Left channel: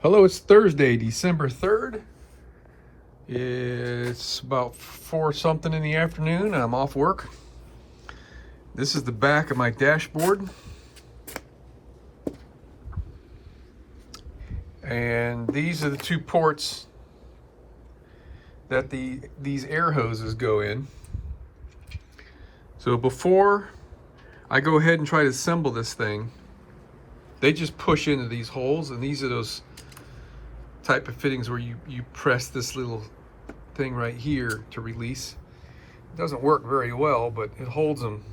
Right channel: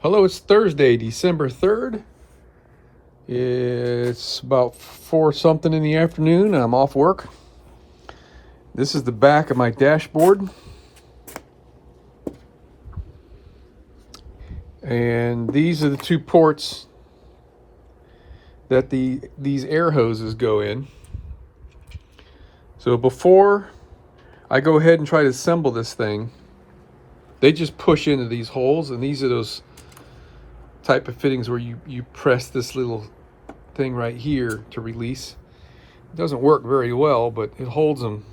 Hello, it's Thursday, December 3rd. It's about 4 something in the afternoon. I'm off work. This is the back of my dashboard. And these are the two ports that these air hoses go in. So before I go ahead and try to assemble this thing, they just push into these holes, and these are those type of fittings where you press this little thing right here to release. It doesn't work very well, but it holds them.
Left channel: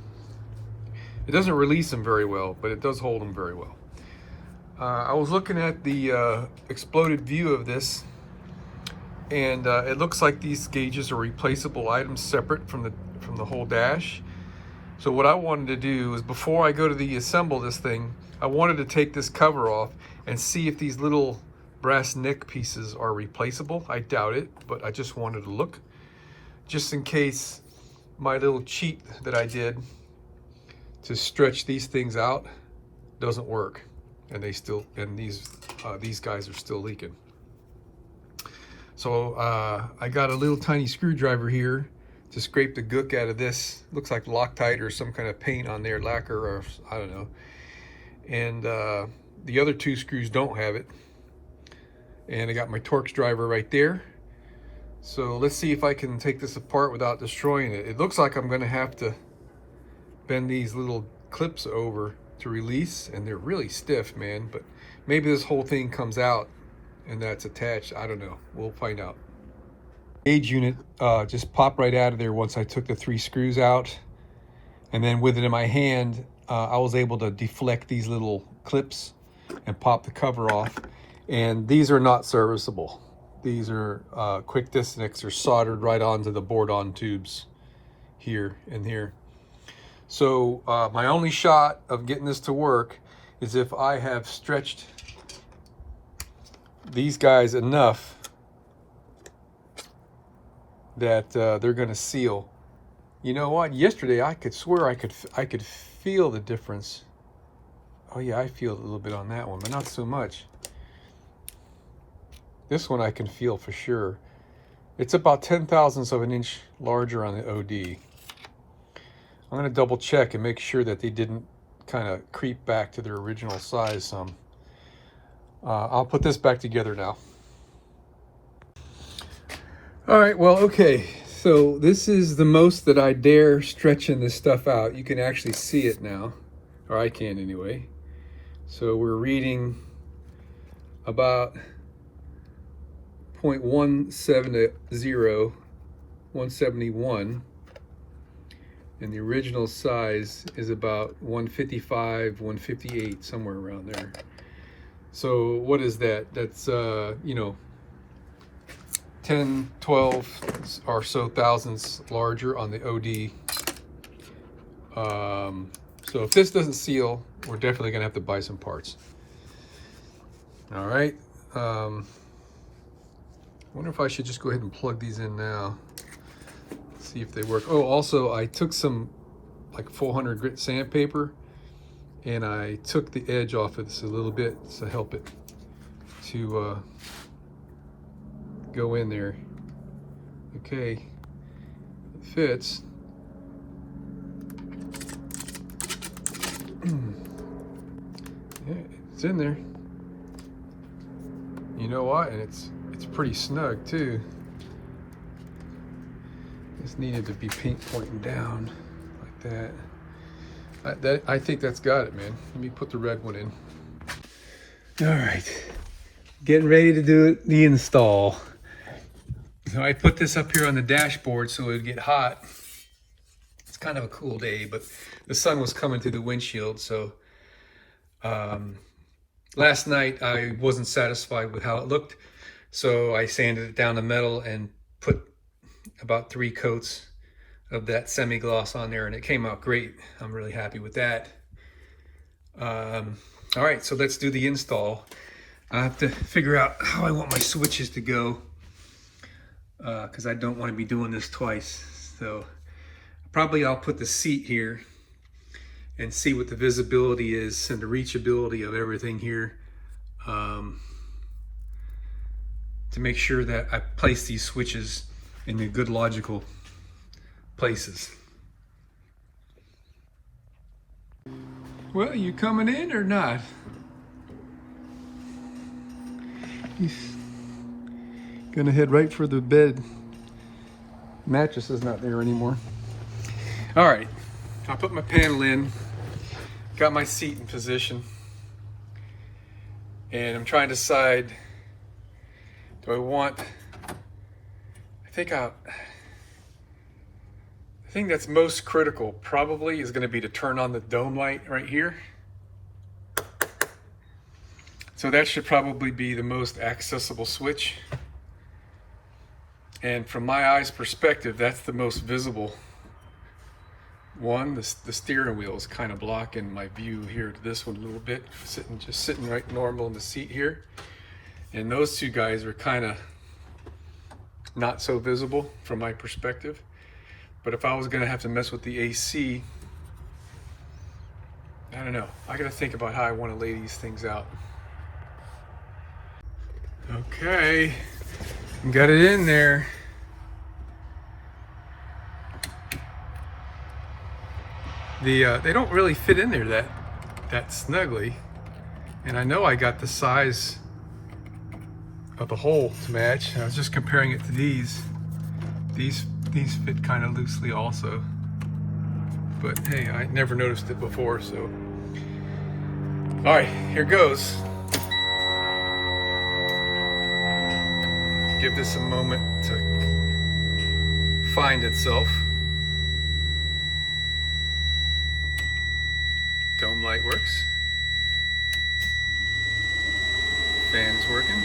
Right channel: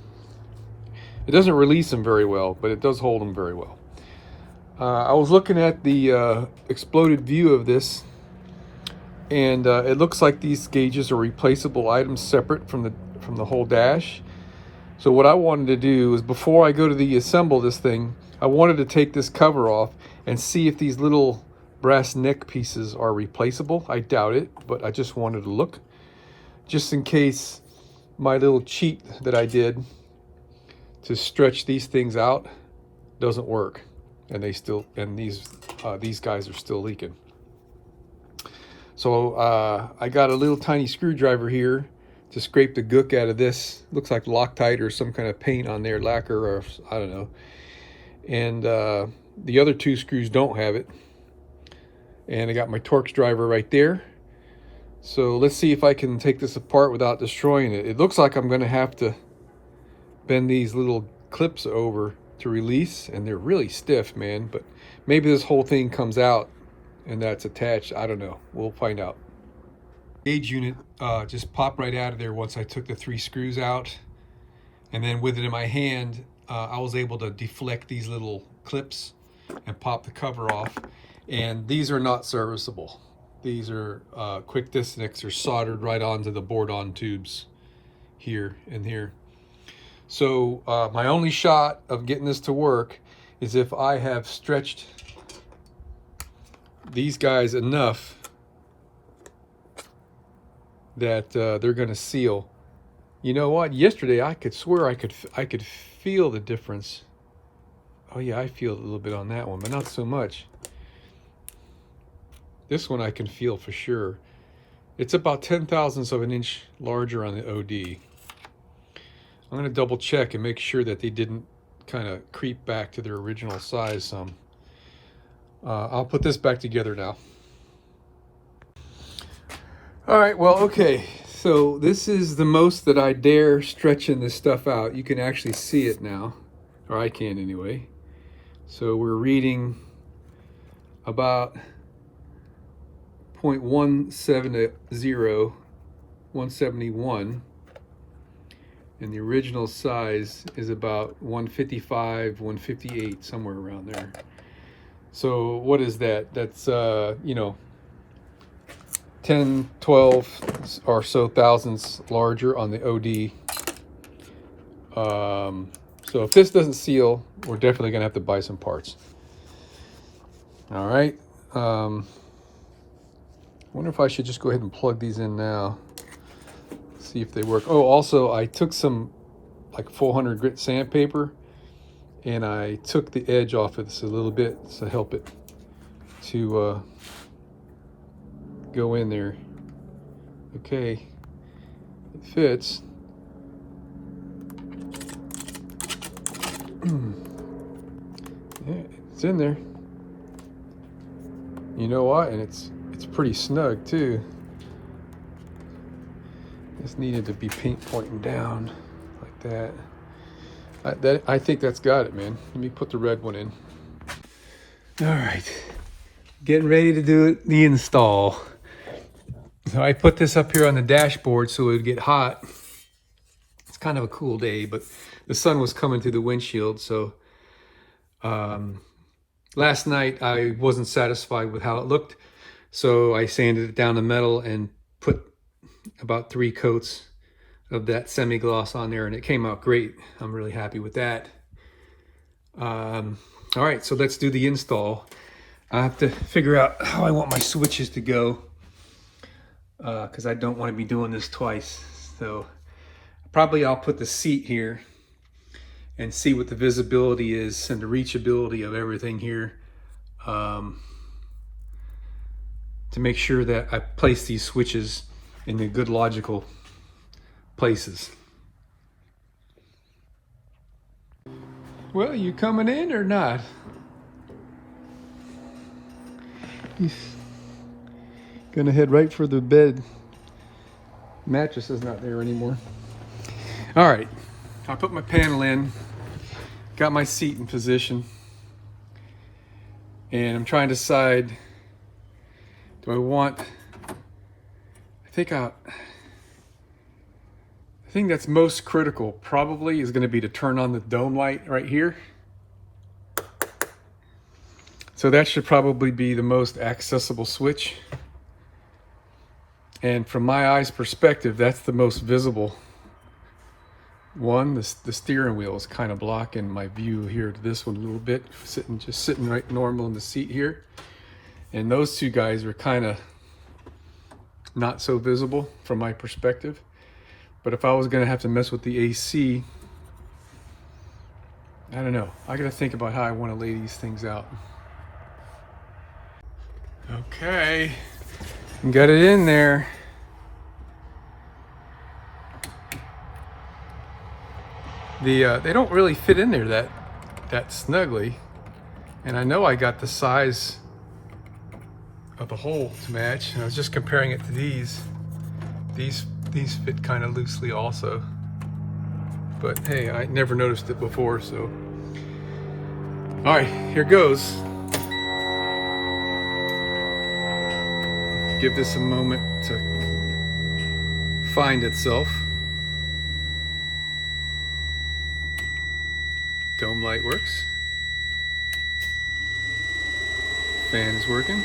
It doesn't release them very well, but it does hold them very well. I was looking at the exploded view of this, and it looks like these gauges are replaceable items separate from the whole dash. So what I wanted to do is, before I go to the assemble this thing, I wanted to take this cover off and see if these little brass neck pieces are replaceable. I doubt it, but I just wanted to look, just in case my little cheat that I did to stretch these things out doesn't work, and these guys are still leaking. So I got a little tiny screwdriver here to scrape the gook out of this. Looks like Loctite or some kind of paint on there, lacquer, or I don't know. And the other two screws don't have it. And I got my Torx driver right there. So let's see if I can take this apart without destroying it. It looks like I'm going to have to bend these little clips over to release, and they're really stiff, man. But maybe this whole thing comes out and that's attached. I don't know. We'll find out. Gauge unit just popped right out of there once I took the 3 screws out. And then with it in my hand, I was able to deflect these little clips and pop the cover off. And these are not serviceable. These are quick disconnects are soldered right onto the board-on tubes here and here. So my only shot of getting this to work is if I have stretched these guys enough that they're going to seal. You know what? Yesterday I could swear I could feel the difference. Oh yeah, I feel a little bit on that one, but not so much. This one I can feel for sure. It's about 0.010 of an inch larger on the OD. I'm going to double check and make sure that they didn't kind of creep back to their original size some. I'll put this back together now. All right, well, okay. So this is the most that I dare stretching this stuff out. You can actually see it now, or I can anyway. So we're reading about 0.170, 171, and the original size is about 155, 158, somewhere around there. So what is that? That's 10, 12 or so thousandths larger on the OD. So if this doesn't seal, we're definitely gonna have to buy some parts. All right. I wonder if I should just go ahead and plug these in now. See if they work. Oh, also I took some like 400 grit sandpaper and I took the edge off of this a little bit to help it to go in there. Okay, it fits. Yeah, it's in there. You know what? And it's pretty snug too. This needed to be paint pointing down like that. I think that's got it, man. Let me put the red one in. All right, getting ready to do the install. So I put this up here on the dashboard so it would get hot. It's kind of a cool day, but the sun was coming through the windshield. So last night I wasn't satisfied with how it looked. So I sanded it down to metal and put about 3 coats of that semi-gloss on there, and it came out great. I'm really happy with that. All right, so let's do the install. I have to figure out how I want my switches to go, because I don't want to be doing this twice. So probably I'll put the seat here and see what the visibility is and the reachability of everything here. to make sure that I place these switches in the good logical places. Well, you coming in or not? He's gonna head right for the bed. Mattress is not there anymore. All right, I put my panel in, got my seat in position, and I'm trying to decide, do I want, the thing that's most critical probably is going to be to turn on the dome light right here. So that should probably be the most accessible switch. And from my eyes perspective, that's the most visible one. The steering wheel is kind of blocking my view here to this one a little bit, just sitting right normal in the seat here. And those two guys are kind of not so visible from my perspective. But if I was going to have to mess with the AC, I don't know. I got to think about how I want to lay these things out. Okay, got it in there. They don't really fit in there that snugly, and I know I got the size of the hole to match. I was just comparing it to these. These fit kind of loosely also, but hey, I never noticed it before. So, all right, here goes. Give this a moment to find itself. Dome light works. Fan is working.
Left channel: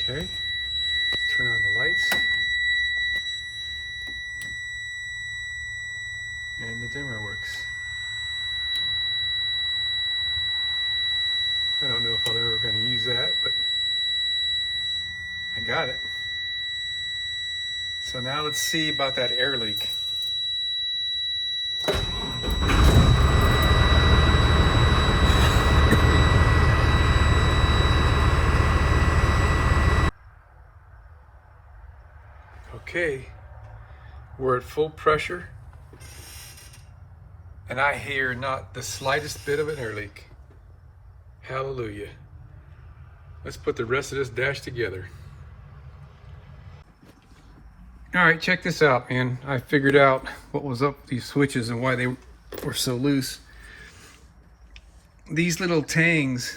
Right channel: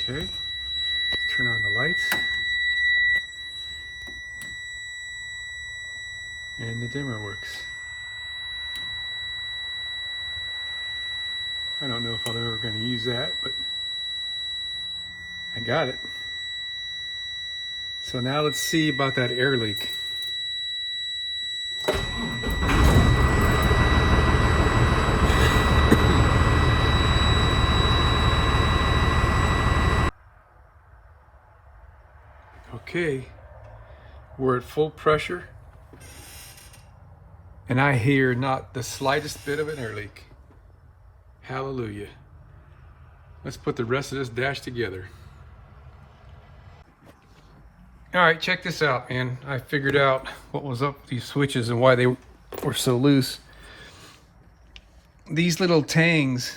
Okay, let's turn on the lights. And the dimmer works. I don't know if I'm ever going to use that, but I got it. So now let's see about that air leak. Okay, we're at full pressure, and I hear not the slightest bit of an air leak. Hallelujah. Let's put the rest of this dash together. All right, check this out, man. I figured out what was up with these switches and why they were so loose. These little tangs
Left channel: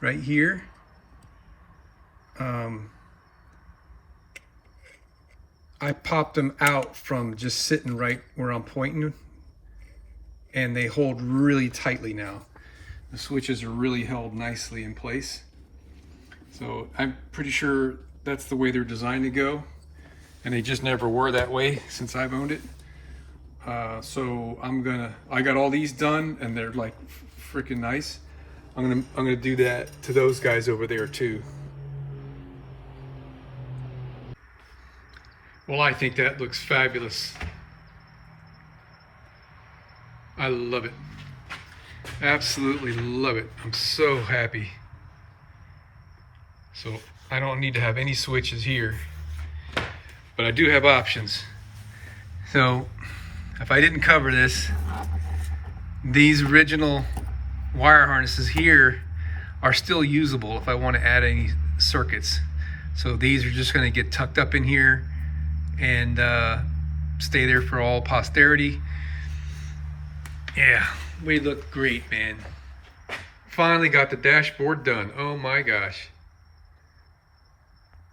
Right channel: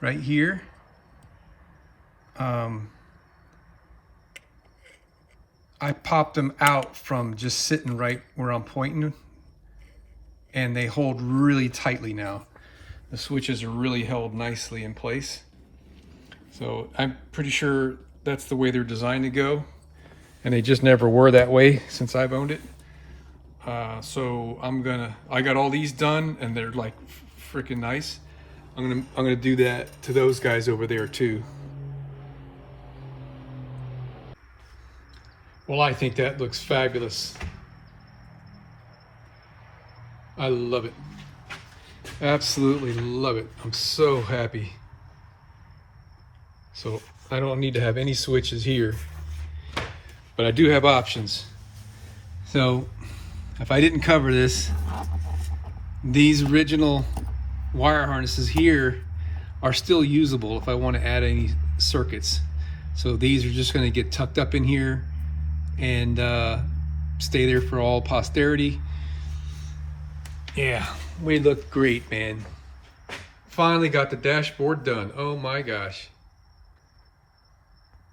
right here, I popped them out from just sitting right where I'm pointing, and they hold really tightly now. The switches are really held nicely in place. So I'm pretty sure that's the way they're designed to go, and they just never were that way since I've owned it. So I got all these done, and they're like freaking nice. I'm gonna do that to those guys over there too. Well, I think that looks fabulous. I love it. Absolutely love it. I'm so happy. So I don't need to have any switches here, but I do have options. So if I didn't cover this, these original wire harnesses here are still usable if I want to add any circuits. So these are just going to get tucked up in here and stay there for all posterity. Yeah, we look great, man. Finally got the dashboard done. Oh my gosh.